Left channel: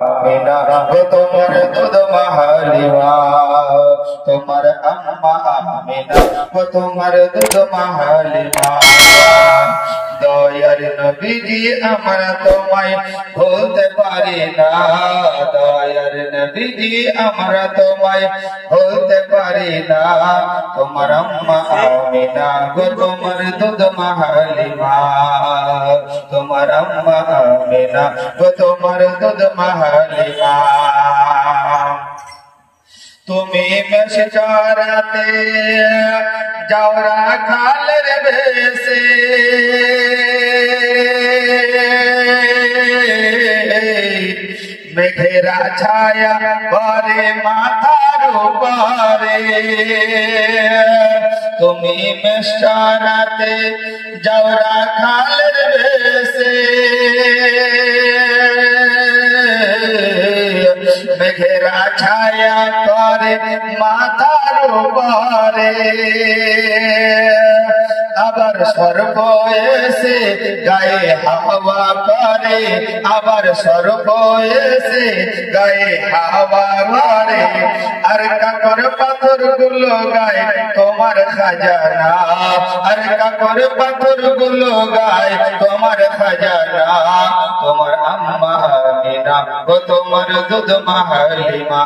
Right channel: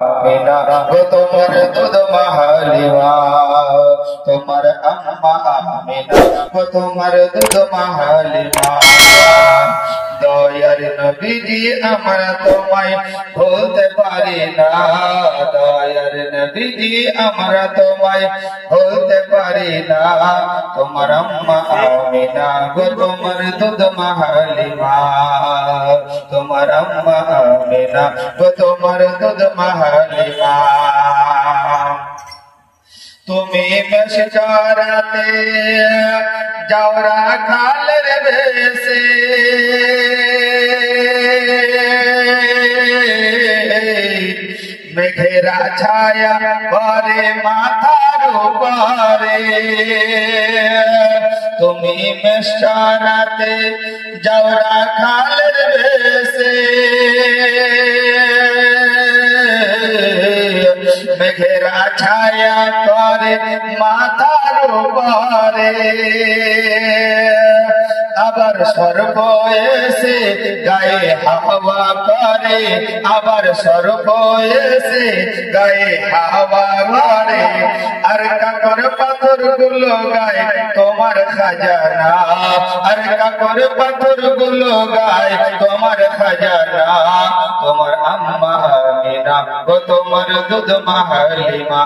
আমিনা গো তোমার দুধ মাহালিমা, তোমার আম্মা আমিনা গো তোমার দুধ মাহালিমা। দয়ার নবীজি আমরা তোমায় ভুলতে পারি না, দয়ার নবীজি আমরা তোমায় ভুলতে পারি না। তোমার আম্মা আমিনা গো তোমার দুধ মাহালিমা, তোমার আম্মা আমিনা গো তোমার দুধ মাহালিমা। তুমি বেশরাতে যাওরা কালের বেশে, মেঘেরা ছায়া পরে মাথার উপরে। তুমি বেশরাতে যাওরা কালের বেশে, মেঘেরা ছায়া করে মাথার উপরে। আবার সর্ব এসে গায়ে হাওয়া করে, আবার সর্ব এসে গায়ে হাওয়া করে। আর কাকর পাথর গুলো গায়ে তোমার খাজানা, আর কাকর পাথর গুলো গায়ে তোমার খাজানা। তোমার আম্মা আমিনা গো তোমার দুধ মাহালিমা,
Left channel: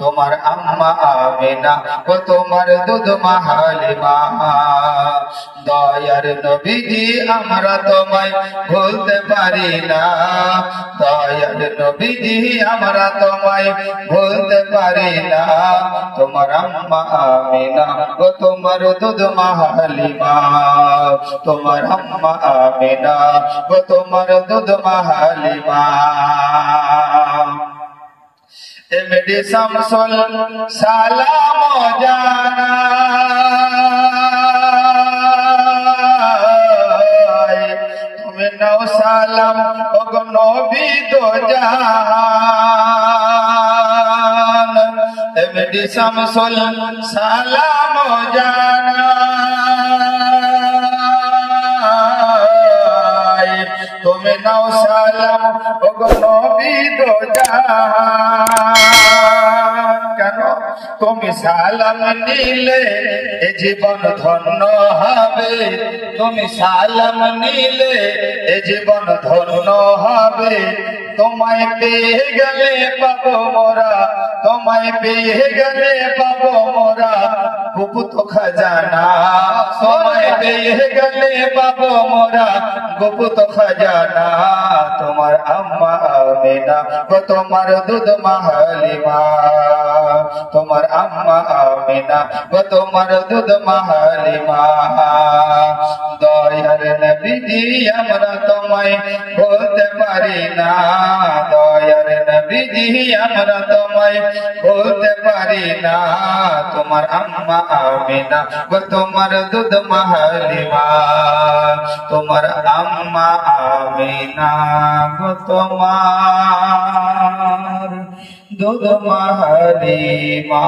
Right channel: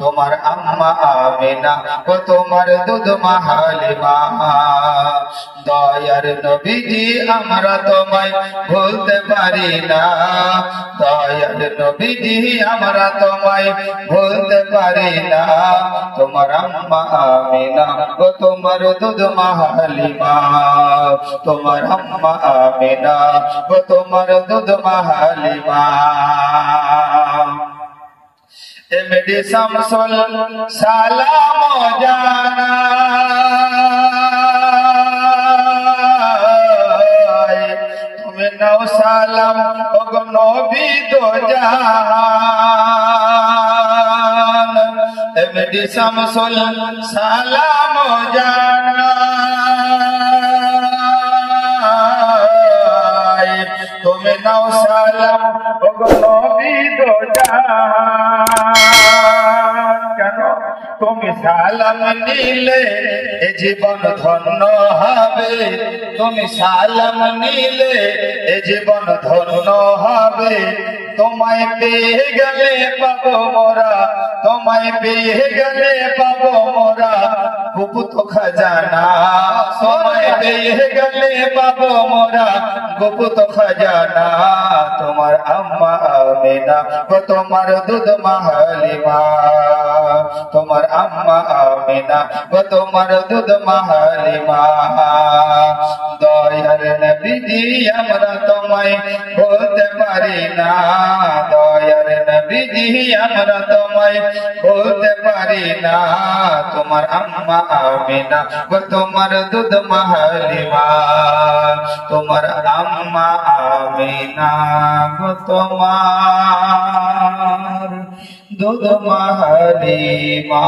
তোমার আম্মা আমিনা গো তোমার দুধ মাহালিমা। দয়ার নবীজি আমরা তোমায় ভুলতে পারি না, দয়ার নবীজি আমরা তোমায় ভুলতে পারি না। তোমার আম্মা আমিনা গো তোমার দুধ মাহালিমা, তোমার আম্মা আমিনা গো তোমার দুধ মাহালিমা। এমডি শামসুল সালাম জানা, তুমি নাও সালাম ও নবী দো জাহান। এমডি শামসুল সালাম জানা, তুমি নাও সালাম ও নবী দো জাহান। কেন তুমি সালাম নিলে এ জীবন ধন্য হবে, তুমি সালাম নিলে এ জীবন ধন্য হবে। তোমায় পেয়ে গেলে পাবো মোরা, তোমায় পেয়ে গেলে পাবো মোরা গুপ্ত খাজানা। তোমায় পেয়ে গেলে পাবো মোরা গুপ্ত খাজানা। তোমার আম্মা আমিনা গো তোমার দুধ মাহালিমা, তোমার আম্মা আমিনা গো তোমার দুধ মাহালিমা। দয়ার নবীজি আমরা তোমায় ভুলতে পারি না, দয়ার নবীজি আমরা তোমায় ভুলতে পারি না। তোমার আম্মা আমিনা গো তোমার দুধ মাহালিমা, তোমার আম্মা আমিনা গো তোমার দুধ মাহালিমা।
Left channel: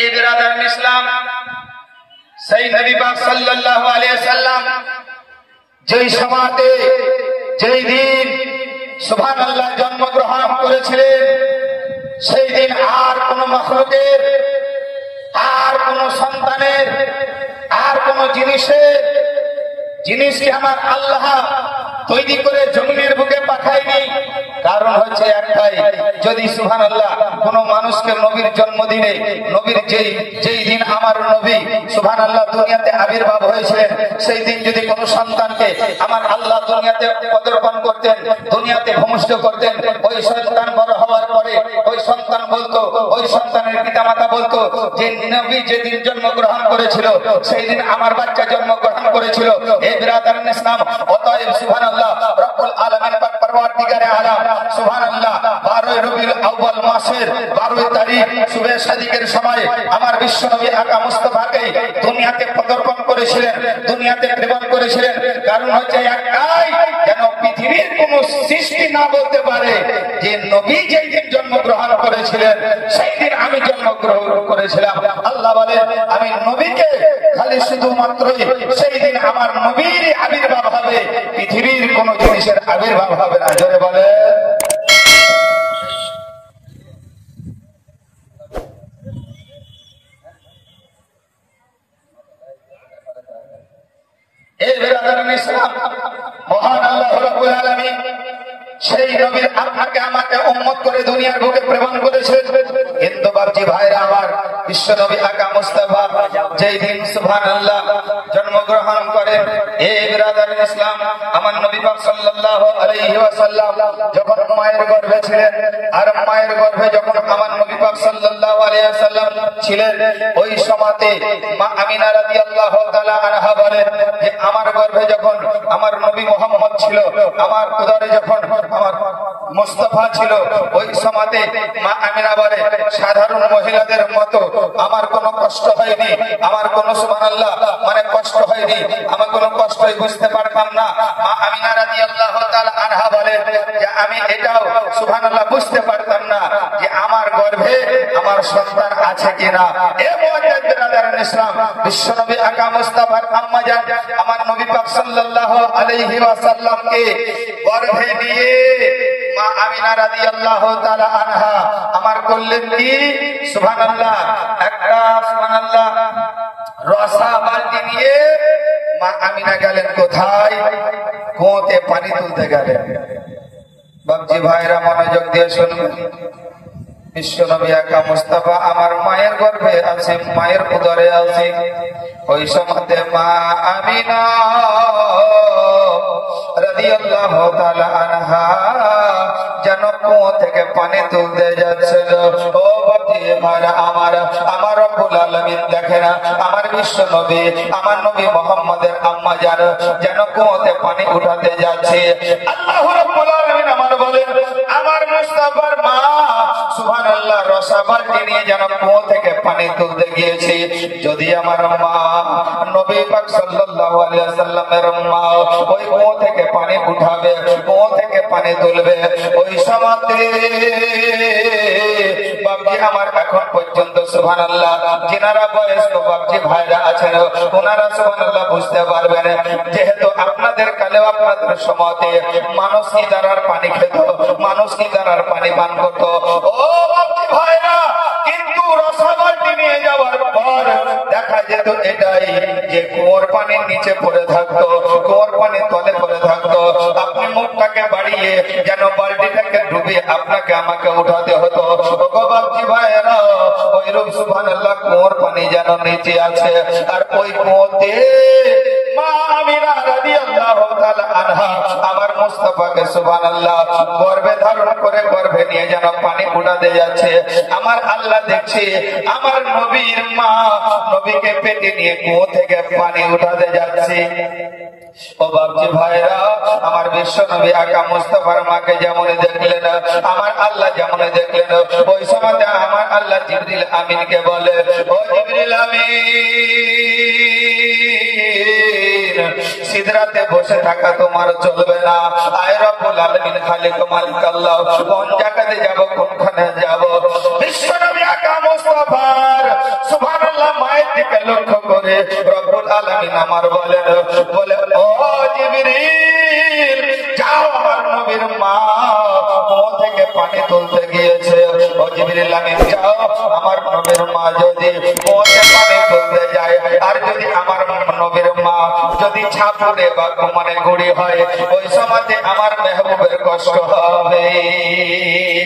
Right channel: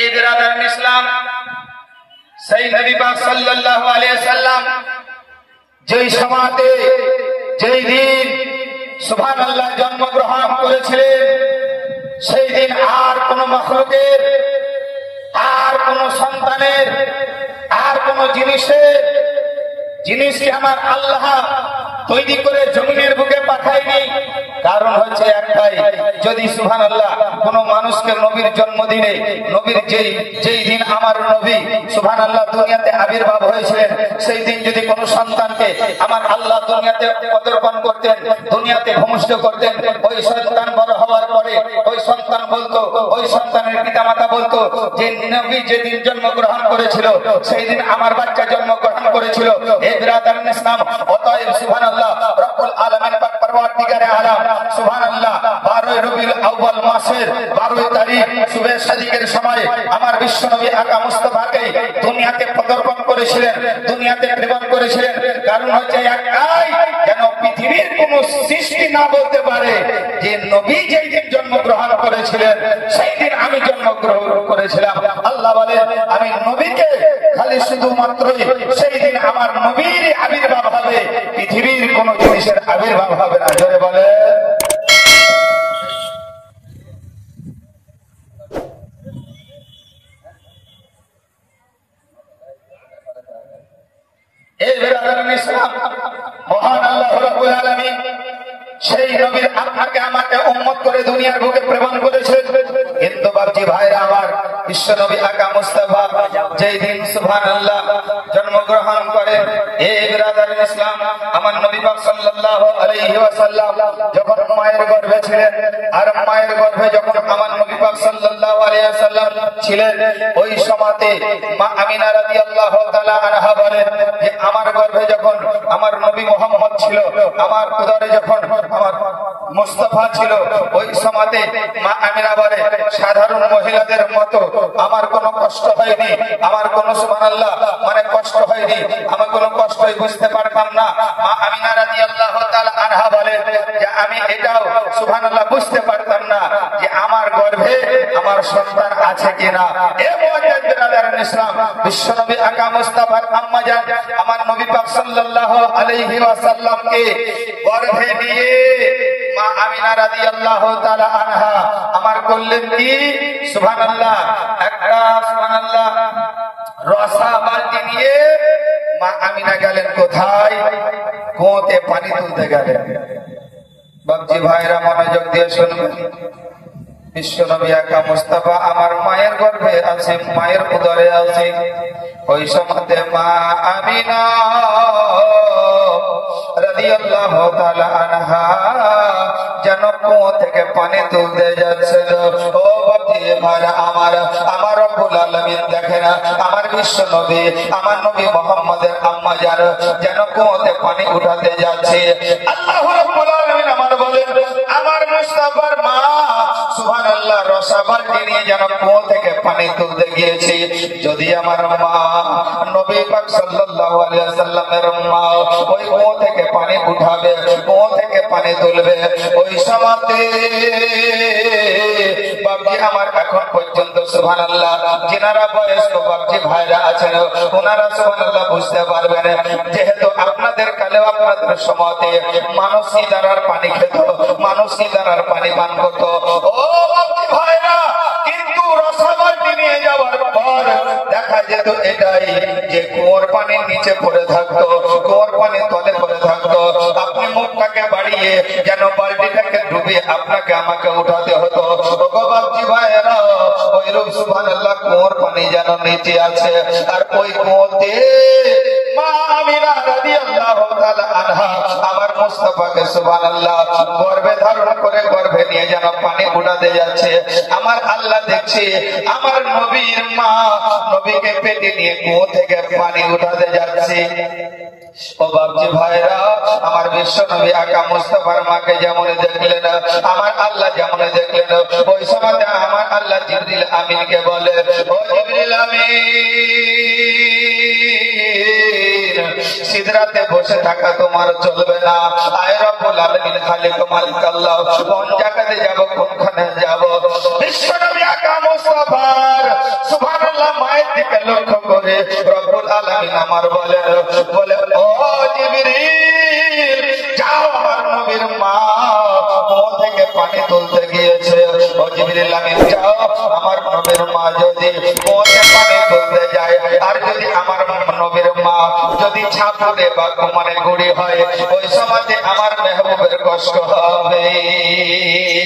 ঈদ রাদাত ইসলাম সেই নবী পাক সাল্লাল্লাহু আলাইহি সাল্লাম যেই সমাতে যেই দিন সুবহানাল্লাহ জন্মগ্রহণ করেছিলেন, সেই দিন আর কোন মাখলুকের, আর কোন সন্তানের, আর কোন জিনিসই আমার আল্লাহ তৈরি করে জমিনের বুকে পাঠায়নি। কারণ হচ্ছে একটাই, যদি সুবহানাল্লাহ কোন মানুষকে নবীর জন্মদিনে, নবীর যেই দিন আমার নবী সুবহানাল্লাহ দুনিয়াতে আবির্ভাব হয়েছিলেন, সেই দিন যদি কোন সন্তানকে আমার আল্লাহ দুনিয়াতে পদার্পণ করতেন, দুনিয়াতে ভূমিষ্ঠ করতেন, ওই সন্তান বড় হওয়ার পরে ওই সন্তান বলতো, ওই সন্তানের পিতামাতা বলতো যে নবী যেদিন জন্মগ্রহণ করেছিল সেই দিন আমার বাচ্চা জন্মগ্রহণ করেছিল। এই বিরাদার ইসলাম অতএব সুবহানাল্লাহ রব্বুল আলামিন পাক পরওয়ারদিগারে আলাম সুবহানাল্লাহ 12 রবিউল আউয়াল মাসের 12 তারিখ সুবহে সাদিকের সময় আমার বিশ্বনবী আকা মুস্তাফাকে দুনিয়াতে পদার্পণ করেছিলেন, দুনিয়াতে প্রেরণ করেছিলেন। কারণ হচ্ছে একটাই, যেন পৃথিবীর কোন সৃষ্টি না বলতে পারে যে নবী যেই দিন জন্মগ্রহণ করেছিলেন সেই দিন আমি জন্মগ্রহণ করেছিলাম। আল্লাহ বলেন আমি নবীকে খালি শুধুমাত্র সেই দিন আমার নবীর আবির্ভাব হবে, পৃথিবীর কোন আবির্ভাব হবে না। জোরে বলে মহান আল্লাহ রাব্বুল আলামিন সেই নবীর আত্মাকে আমাকে উম্মত করে দুনিয়ার বুকে প্রেরণ করেছে। কিন্তু বাপজি ভাইরা আমার, বিশ্ব নবী আকা মুস্তাফা যেই দিন সুবহানাল্লাহ জন্মগ্রহণ করেন, এই বিরাদারিন ইসলাম, আমার নবী পাক সাল্লাল্লাহু আলাইহি ওয়াসাল্লাম যখন মায়ের গর্ভে ছিলেন, আর মায়ের গর্ভে যখন আমার নবী পাক সাল্লাল্লাহু আলাইহি ওয়াসাল্লাম ছিলেন, ওই সময়তে মা আমিনা রাদিয়াল্লাহু তাআলা আনহা বলেন যে আমার গর্ভে যখন আমার নবী মুহাম্মদ ছিল, আমার উদরে যখন আমার মুস্তাফা ছিল, ওই সময়তে মা আমিনা বলে সাধারণ মহিলাদের মতো আমার কোনো কষ্ট হয়নি, আমার কোনো সুবহানাল্লাহ মানে কষ্ট হয়নি, আমার কোনো কষ্টই বুঝতে পারতাম না। মা আমিনা রাদিয়াল্লাহু তাআলা আনহা বলেন যে আমি এটাও সুবহানাল্লাহ বুঝতে পারতাম না যে আমার গর্ভে আমার সন্তান আছে কিনা। এ মুআজ্জিজাতুল ইসলাম, বিশ্বনবী আকা মুস্তাফার আম্মা জান আমার নবী পাক সাল্লাল্লাহু আলাইহি ওয়াসাল্লামকে গর্ভে নিয়ে মা আমিনা রাদিয়াল্লাহু তাআলা আনহা আমার করলেন কি সুবহানাল্লাহ, একটা সুবহানাল্লাহ রসা বালতি নিয়ে মা আমিনা গেলেন কোথায়? কুয়োতে পানি তুলতে গেলেন। বাপজি ভাইরা মনোযোগ দিয়ে শুনুন, বিশ্বনবী আকা মুস্তাফা আমার মায়ের গর্ভে আছে, মায়ের উদরে আছে। ওই সময়তে মা আমিনা রাদিয়াল্লাহু তাআলা আনহা যেন কুয়ো থেকে পানি তুলতে যাচ্ছিল। ও বাপজি ভাইরা আমার, আমার রব্বুল আলামিন দেখেন আমার বিশ্বনবী আমার নবী মুহাম্মদের আম্মা জান যেন কুয়োতে পানি উঠাতে যাচ্ছে। আল্লাহ রাব্বুল আলামিন আমার বলেন আমার মুস্তাফার মা সুবহানাল্লাহ রসা বালতি নিয়ে যেন কুয়ো থেকে পানি তুলতে গিয়েছে। যদি আমার মা নবী পাক সাল্লাল্লাহু আলাইহি ওয়াসাল্লামের মা ওই কুয়ো থেকে পানি উঠাবে, কুয়ো থেকে পানি তুলবে, ওই সময়তে বাপজি আমার এখন পর্যন্ত সুবহানাল্লাহ যিনারা বয়স্ক বাপজি ভাইরা আছেন ওনারা সুবহানাল্লাহ বুঝতে পারবেন, যেহেতু আপনাদের কালেও আপনাদের সময়তে মানুষ ইদারার পানি খেত, মানুষ ইদারার পানি পান করত। ও বাপজি ভাইরা, কিন্তু রসাবালতি নিয়ে যাওয়ার পর দেখা যেত এটাই যে কুয়োর পানির নিচে পড়ে থাকতো, কুয়োর পানির তলে পড়ে থাকতো। আপনি মুখটাকে বাড়িয়ে যেন বালতিটাকে ডুবে আপনাকে আমাকে উঠাতে হতো। বাপজি ভাইরা ওই রূপ সুবহানাল্লাহ কুয়োর পানি যেন নিচে আছে, আর ওই কুয়োতে মা আমিনা রাদিয়াল্লাহু তাআলা আনহা আমার মুস্তাফাকে সুবহানাল্লাহ গর্ভে ধারণ করে গর্ভে নিয়ে যেন পানি উঠাতে যাচ্ছে। আমার আল্লাহ দেখছে আমার নবীর মা নবীকে পেটে নিয়ে কুয়ো থেকে পানি উঠাতে যাচ্ছে। ও বাপজি ভাইরা আমার বিশ্ব নবী আকা মুস্তাফার মাকে যেমন দেখলেন আমার আল্লাহ যেমন দেখলেন, ওই সময় আমার আল্লাহ জিবরিল আমিনকে বলে ও জিবরিল আমিন, সিদরাতে বসে থাকা তোমার চলবে না। আয় রব্বুল আলামিন খালিক মালিক আল্লাহ কোন জায়গাতে যাব, কোনখানে যাব? বিশ্ব নবী আকা মুস্তাফার সুবহানাল্লাহ মায়ের দিকে লক্ষ্য করে রব্বুল আলামিন আমার বলে ও জিবরিল যাও, আমার নবীর মা কুয়ো থেকে পানি তুলতে গিয়েছে। ও জিবরিল আমিন যাও, আমার নবীর মা যদি কুয়োতে পানি তুলতে যায় আর যদি আমার নবীর মা যদি ছাপড়ে বা মানে গুড়ি হয়, ওই সময় আমার মেহবুবের কষ্ট হবে।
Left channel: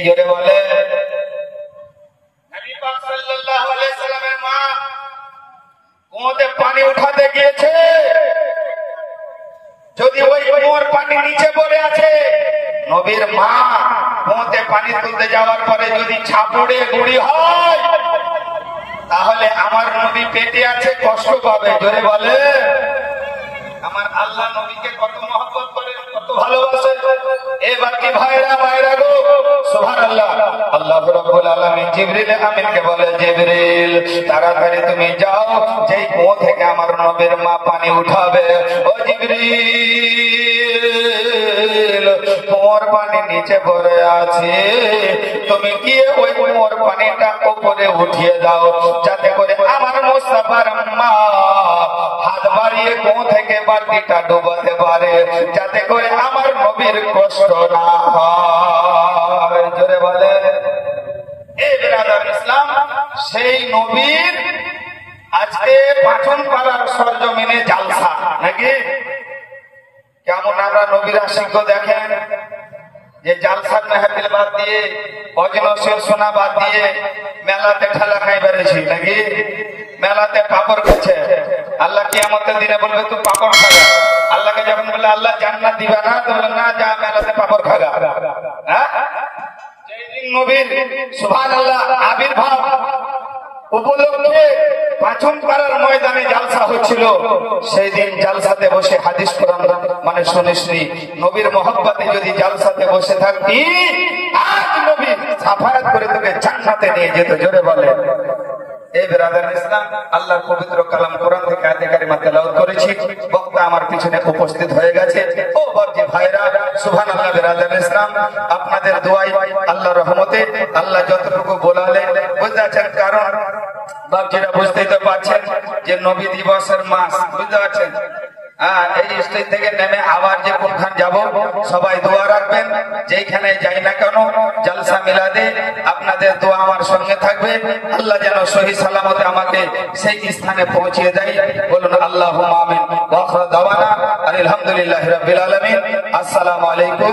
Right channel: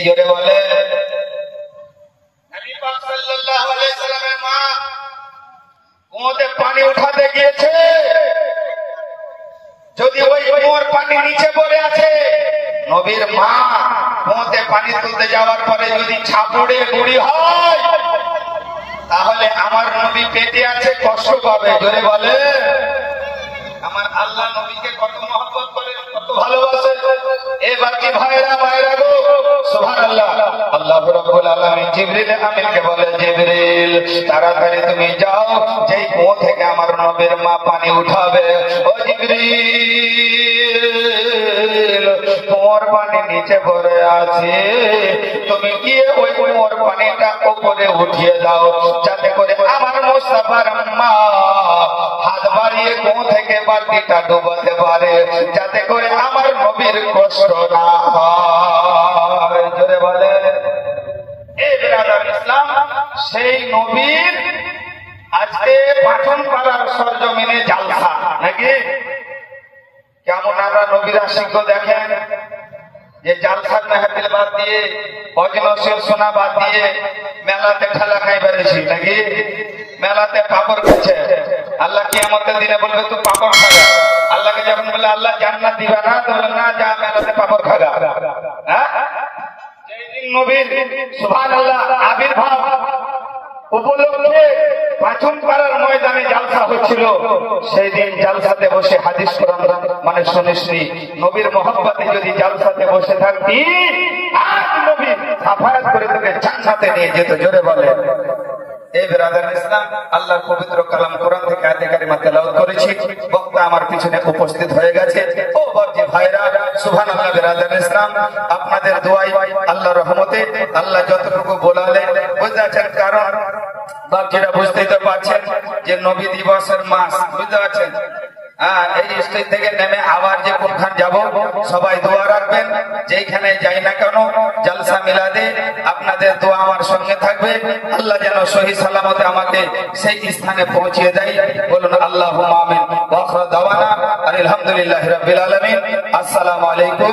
জোরে বলে নবী পাক সাল্লাল্লাহু আলাইহি সাল্লামের মা কুয়োতে পানি উঠাতে গিয়েছে, যদি ওই কুয়োর পানি নিচে পড়ে আছে, নবীর মা কুয়োতে পানি তুলতে যাওয়ার পরে যদি ছাপড়ে গুড়ি হয়, তাহলে আমার নবী পেটে আছে, কষ্ট পাবে। জোরে বলে আমার আল্লাহ নবীকে কত মহব্বত করেন, কত ভালোবাসেন। এবার কি ভাইরা ভাইরা গো সুবহানাল্লাহ, আল্লাহ রাব্বুল আলামিন জিবরিল আমিনকে বলে জিবরিল তাড়াতাড়ি তুমি যাও, যেই কুয়ো থেকে আমার নবীর মা পানি উঠাবে। ও জিবরিল কুয়োর পানি নিচে পড়ে আছে, তুমি গিয়ে ওই কুয়োর পানিটা উপরে উঠিয়ে দাও, যাতে করে আমার মুস্তাফার মা হাত বাড়িয়ে কুয়ো থেকে বালতিটা ডুবাতে পারে, যাতে করে আমার নবীর কষ্ট না হয়। জোরে বলে এই বিরাদার ইসলাম, সেই নবীর আজকে পাচন পাড়ার সরজমিনে জালসা নাকি? কেমন আমরা নবীর আশিক দেখেন যে জালসার মেহফিল বাদ দিয়ে অজনশীল সোনা বাদ দিয়ে মেলাতে ঠেলা খাই বেড়েছি নাকি? মেলাতে পাপড় খেয়েছে। আল্লাহ কিয়ামতের দিনে বলবে তুই পাপড় খাগা। আল্লাহকে যখন বলে আল্লাহ জান্নাত দিবে না, বলবে না যা মেলাতে পাপড় খাগা। হ্যাঁ, যেদিন নবীর সুবহানাল্লাহ আবির্ভাব উপলক্ষে পাচন পাড়ার ময়দানে জালসা হচ্ছিল, সেই দিন জালসাতে বসে হাদিস কোরআন মানে শুনিসনি। নবীর মোহাম্মতে যদি জালসাতে বসে থাকবি, আজ নবী সাফায়াত করে তোকে জান্নাতে নিয়ে যেত। জোরে বলে এই বিরাদার ইসলাম, আল্লাহর পবিত্র কালাম কোরআন থেকে আয়াতে কারিমা তেলাওয়াত করেছি। বক্তা আমার পিছনে উপস্থিত হয়ে গেছে। ও বর্জি ভাইরা, সুবহানাল্লাহ। বিরাদার ইসলাম, আপনাদের দোয়ায় আল্লাহর রহমতে আল্লাহ যতটুকু বলালেন বুঝতে পারছেন। কারণ বাপজিরা বুঝতেই তো পারছেন যে নবী দিবসের মাস, বুঝতে পারছেন। এই স্টেজ থেকে নেমে আবার যে কোনখান যাব, সবাই দোয়া রাখবেন। যেইখানে যাই না কেন জালসা মিলাদে আপনাদের দোয়া আমার সঙ্গে থাকবে। আল্লাহ যেন সহি সালামতে আমাকে সেই স্থানে পৌঁছিয়ে দেয়। বলুন আল্লাহুম্মা আমিন। ওয়া আখিরু দাওয়ানা আলহামদুলিল্লাহি রাব্বিল আলামিন। আসসালামু আলাইকুম।